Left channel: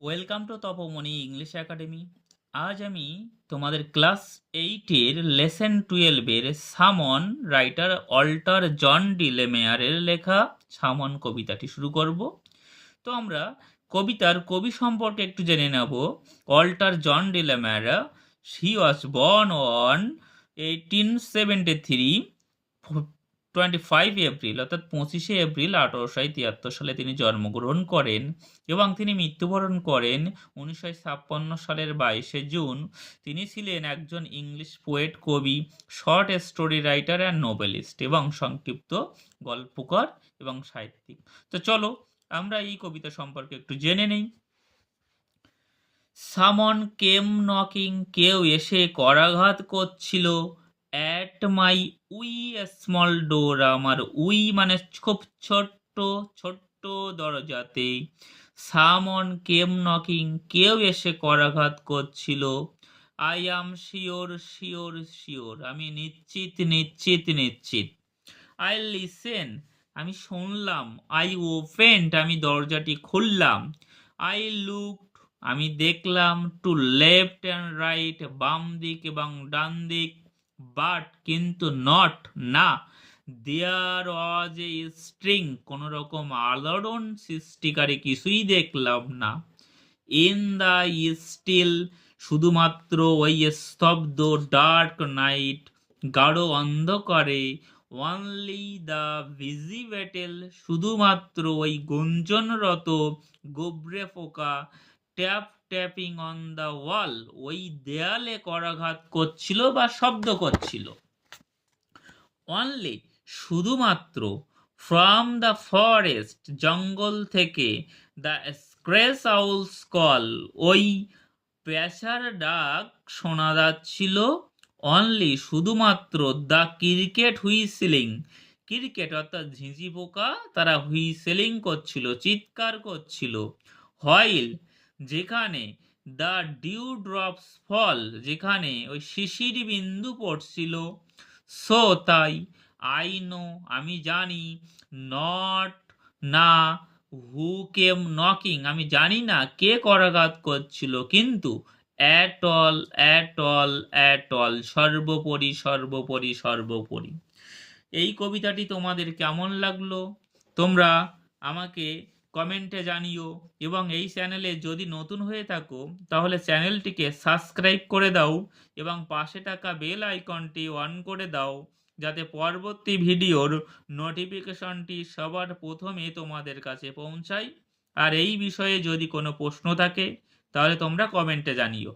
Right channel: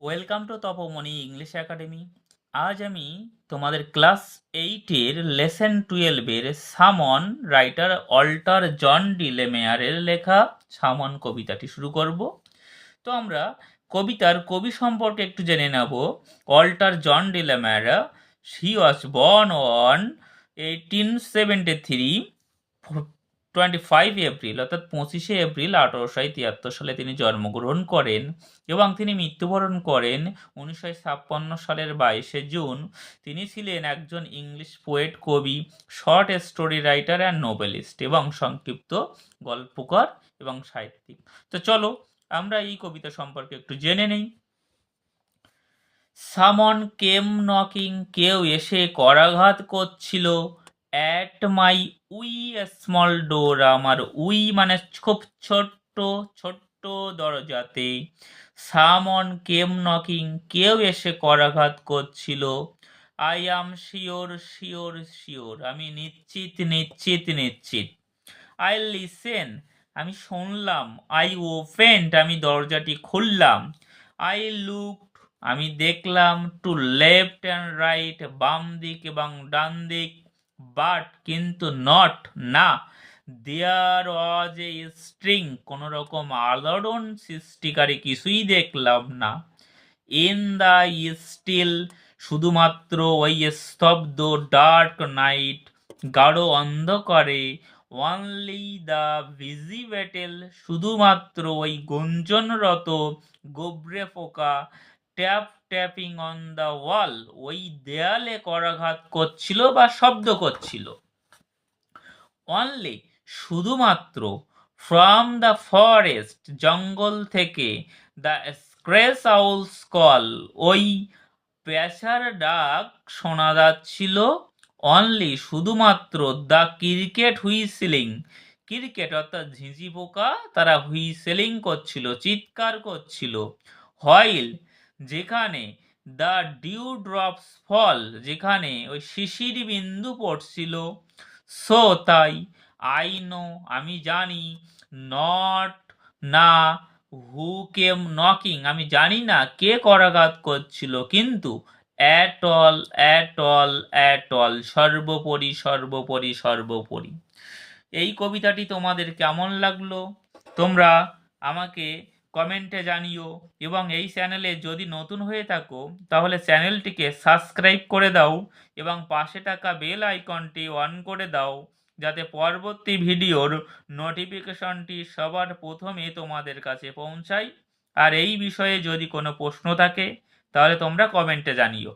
Welcome to Tapamoni English academy আজ আমি তোমাদের ক্লাস এইটের লেসন টুয়েলভের someone writer Walter John de লেমেয়ারের লেখা সামন কবিতাটি শুরু করব। তো আমরা কবিতার কবি সম্পর্কে একটু জেনে নেব। Walter John de la Mare he was born on eighteen seventy three twenty five April অর্থাৎ পঁচিশে এপ্রিল আঠারোশো তিয়াত্তর সালে তিনি জন্মগ্রহণ করেন এবং তিনি মৃত্যুবরণ করেন উনিশশো ছাপ্পান্ন সালের বাইশে জুন। তিনি ছিলেন একজন ইংলিশ পোয়েট কবি short story writer and novelist এবং সংক্ষিপ্ত গল্পকার এবং সাহিত্যিক। তো চলো আমরা এই কবিতা সম্পর্কে একটু জেনে নেই। সামন কেম নকিং কেউ এসে করাঘাত করছিল। At my wee small door আমার উই মানে খুব ছোট্ট ছোট্ট দরজাতে। সামন কেম নকিং কেউ এসে করাঘাত করছিল। I am sure sure sure আমি নিশ্চিত নিশ্চিত নিশ্চিত। আই লিসেন আমি শুনলাম। আই ওপেন্ড আমি দরজাটি খুললাম। আই লুক আমি দেখলাম টু লেফট অ্যান্ড রাইট বাম দিক এবং ডান দিক। বাট কিন্তু নট, না। দেয়ার ওয়াজ এ স্ট্রিং কোনো রকম আলোড়ন সৃষ্টিকারী কিছুই দেখলাম না। ইন দ্য স্টিল শুধুমাত্র ওই স্তব্ধ ডার্ক নাইট গাঢ় অন্ধকারে অনলি দ্য ভিজিবেটেল শুধুমাত্র ওই গুঞ্জনরত, গোবরে পোকা tap tapping on the wall ওই দেয়ালে করাঘাত করছিল বা শব্দ করছিল। অনলি শুধুমাত্র ফ্রম দ্য ফরেস্ট জঙ্গল থেকে দ্য স্ক্রেস আউলস কল ওই পেশার ডাক শোনা যাচ্ছিল। অনলি শুধুমাত্র দ্য ক্রিকেট হুইসিলিং ক্রিকেট অর্থাৎ ঝিঁঝি পোকা, তারা হুইসেলিং করছিল, চিৎকার করছিল। হয়েল যেখানে দ্য ডিউ ড্রপস ফল যেখানে ওই শিশির বিন্দু পড়ছিল। সো তাই আই নো আমি জানি নট না হু কেম নকিং আমি জানি না কে করাঘাত করছিল, কিন্তু at all at all at all সর্বোপরি সর্বোপরি সর্বোপরি। এই কবিতাটি তোমাদের কেমন লাগল? তোমরা আমাকে কমেন্টে জানিও। এবং এই চ্যানেলে যদি নতুন হয়ে থাকো, তাহলে চ্যানেলটিকে সাবস্ক্রাইব করে দাও এবং পাশে থাকা বেল আইকনটি অন করে দাও, যাতে পরবর্তী ভিডিওর নোটিফিকেশনটি সবার প্রথমে তোমাদের কাছে পৌঁছায়। আর এই বিষয়ে যদি কোনো প্রশ্ন থাকে, তাহলে তোমরা কমেন্টে জানিও।